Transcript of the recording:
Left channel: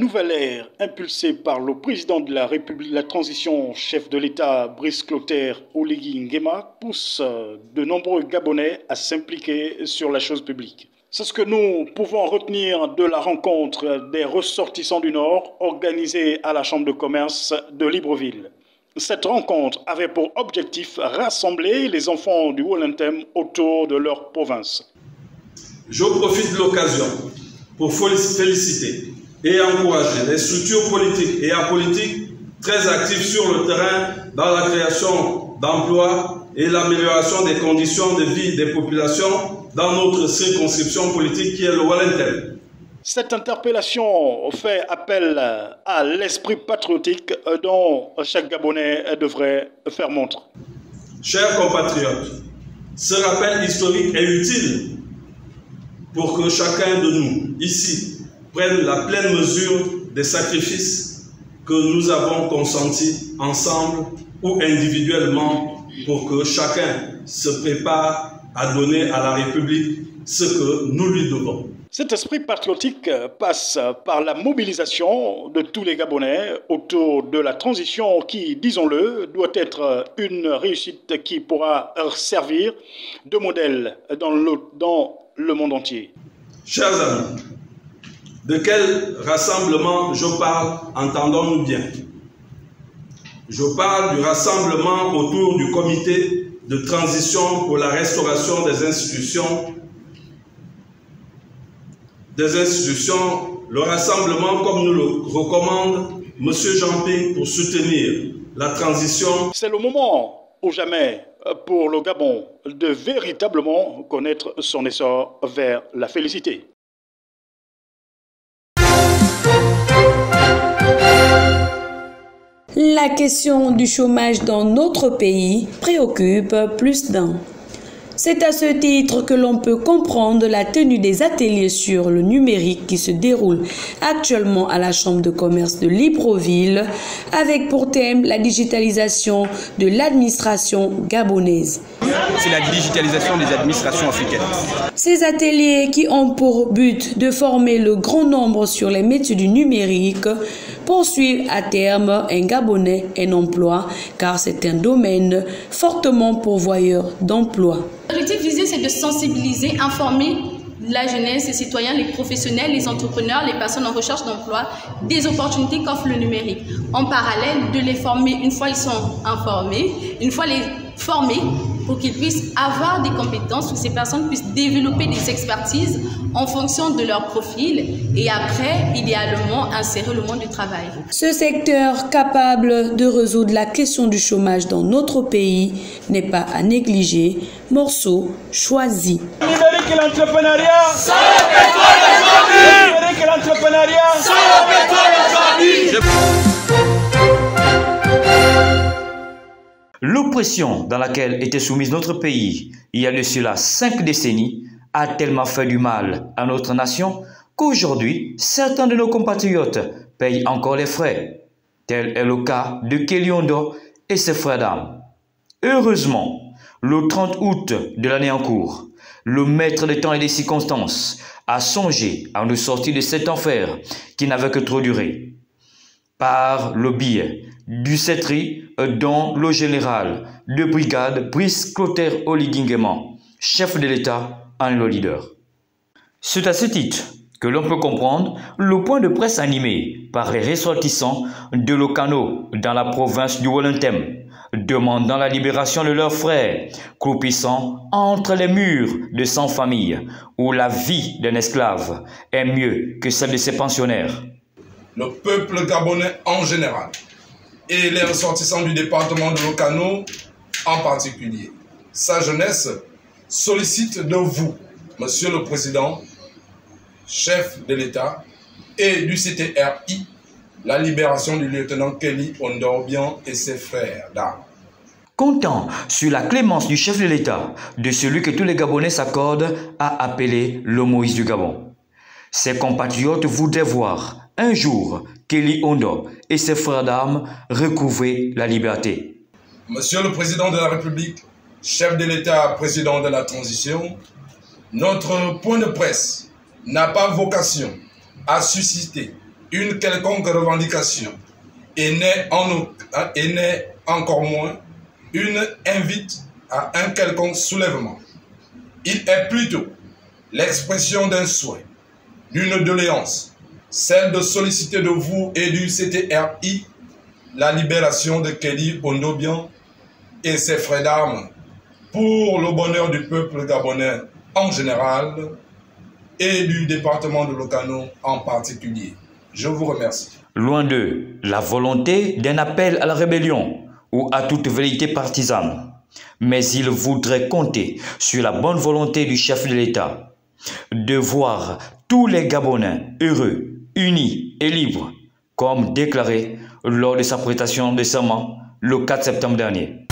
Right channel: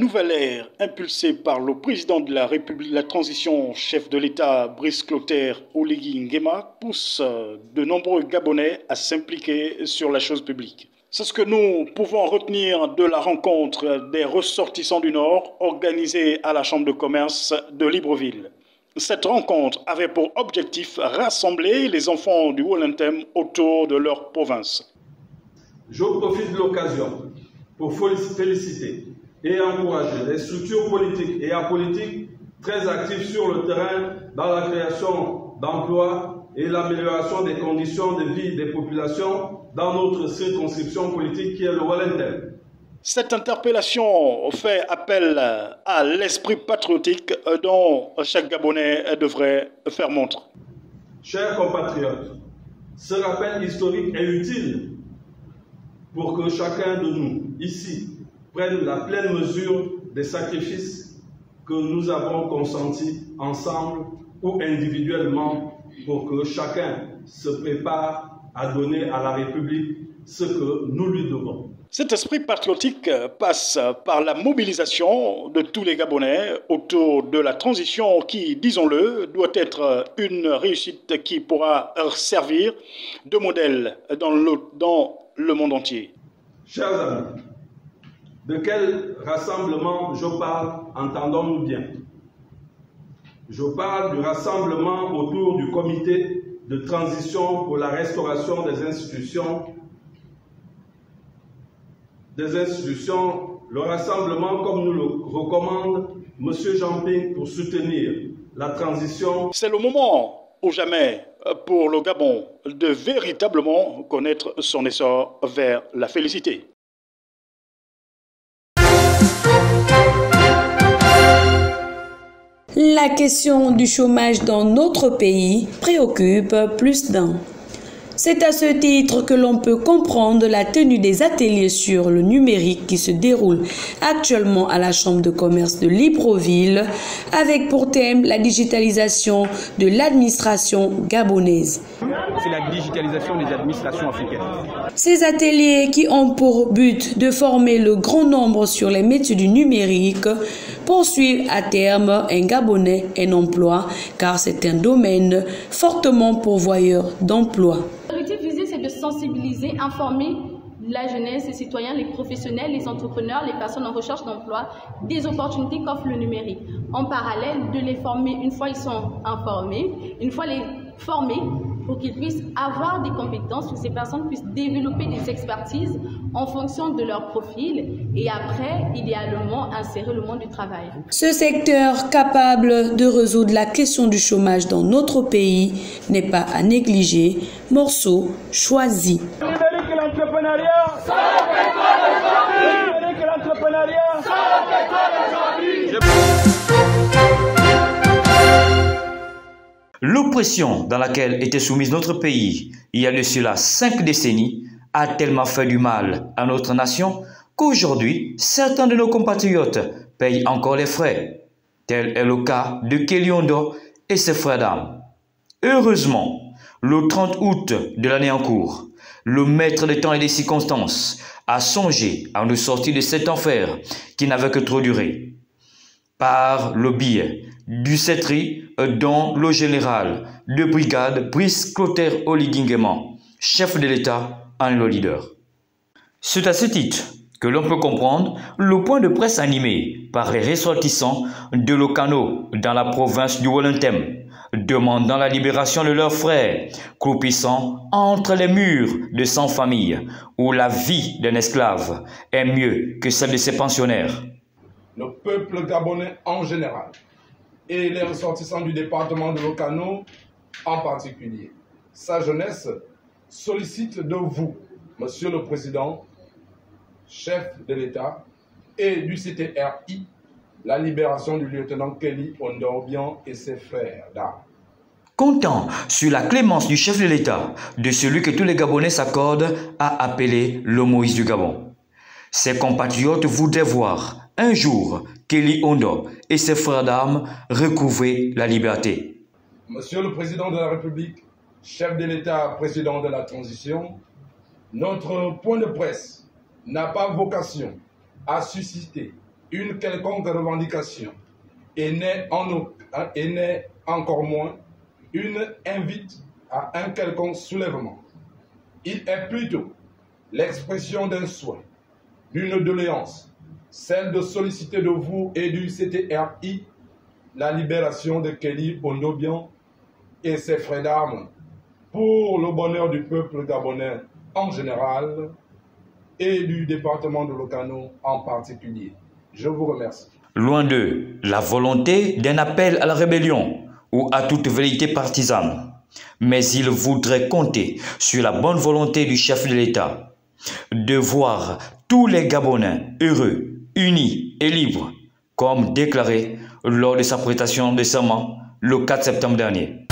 nouvelle ère impulsée par le président de la République, la transition, chef de l'État, Brice Clotaire Oligui Nguema, pousse de nombreux Gabonais à s'impliquer sur la chose publique. C'est ce que nous pouvons retenir de la rencontre des ressortissants du Nord organisée à la Chambre de commerce de Libreville. Cette rencontre avait pour objectif rassembler les enfants du Wollentem autour de leur province. Je profite de l'occasion pour féliciter et encourager les structures politiques et apolitiques très actives sur le terrain dans la création d'emplois et l'amélioration des conditions de vie des populations dans notre circonscription politique qui est le Wollentem. Cette interpellation fait appel à l'esprit patriotique dont chaque Gabonais devrait faire montre. Chers compatriotes, ce rappel historique est utile pour que chacun de nous, ici, prenne la pleine mesure des sacrifices que nous avons consentis ensemble ou individuellement pour que chacun se prépare à donner à la République ce que nous lui devons. Cet esprit patriotique passe par la mobilisation de tous les Gabonais autour de la transition qui, disons-le, doit être une réussite qui pourra servir de modèle dans le monde entier. Chers amis, de quel rassemblement je parle, entendons-nous bien. Je parle du rassemblement autour du comité de transition pour la restauration des institutions, le rassemblement comme nous le recommande M. Jean-Ping pour soutenir la transition. C'est le moment ou jamais pour le Gabon de véritablement connaître son essor vers la félicité. La question du chômage dans notre pays préoccupe plus d'un. C'est à ce titre que l'on peut comprendre la tenue des ateliers sur le numérique qui se déroulent actuellement à la Chambre de commerce de Libreville, avec pour thème la digitalisation de l'administration gabonaise. C'est la digitalisation des administrations africaines. Ces ateliers qui ont pour but de former le grand nombre sur les métiers du numérique poursuivent à terme un Gabonais un emploi, car c'est un domaine fortement pourvoyeur d'emplois. L'objectif visé, c'est de sensibiliser, informer la jeunesse, les citoyens, les professionnels, les entrepreneurs, les personnes en recherche d'emploi, des opportunités qu'offre le numérique. En parallèle, de les former une fois ils sont informés, une fois les former pour qu'ils puissent avoir des compétences, pour que ces personnes puissent développer des expertises en fonction de leur profil et après, idéalement, insérer le monde du travail. Ce secteur capable de résoudre la question du chômage dans notre pays n'est pas à négliger. Morceau choisi. Numérique et l'entrepreneuriat, sans la pétrole aujourd'hui. Numérique et l'entrepreneuriat, sans la pétrole aujourd'hui. L'oppression dans laquelle était soumise notre pays il y a de cela 5 décennies a tellement fait du mal à notre nation qu'aujourd'hui, certains de nos compatriotes payent encore les frais. Tel est le cas de Kelly Ondo et ses frères d'armes. Heureusement, le 30 août de l'année en cours, le maître des temps et des circonstances a songé à nous sortir de cet enfer qui n'avait que trop duré. Par le biais du CETRI dont le général de brigade Brice Clotaire Oligui Nguema, chef de l'État, en est le leader. C'est à ce titre que l'on peut comprendre le point de presse animé par les ressortissants de Lokano dans la province du Wollentem, demandant la libération de leurs frères, croupissant entre les murs de 100 familles où la vie d'un esclave est mieux que celle de ses pensionnaires. Le peuple gabonais en général et les ressortissants du département de Lokano en particulier, sa jeunesse sollicite de vous, Monsieur le Président, chef de l'État et du CTRI, la libération du lieutenant Kelly Ondorbian et ses frères d'armes. Comptant sur la clémence du chef de l'État, de celui que tous les Gabonais s'accordent à appeler le Moïse du Gabon. Ses compatriotes voudraient voir un jour Kelly Ondo et ses frères d'armes recouvrer la liberté. Monsieur le Président de la République, chef de l'État, président de la transition, notre point de presse n'a pas vocation à susciter une quelconque revendication et n'est encore moins une invite à un quelconque soulèvement. Il est plutôt l'expression d'un souhait, d'une doléance, celle de solliciter de vous et du CTRI la libération de Kelly Ondobian et ses frères d'armes pour le bonheur du peuple gabonais en général et du département de l'Okano en particulier. Je vous remercie. Loin d'eux, la volonté d'un appel à la rébellion ou à toute velléité partisane. Mais il voudrait compter sur la bonne volonté du chef de l'État de voir tous les Gabonais heureux, unis et libres, comme déclaré lors de sa prestation de serment le 4 septembre dernier.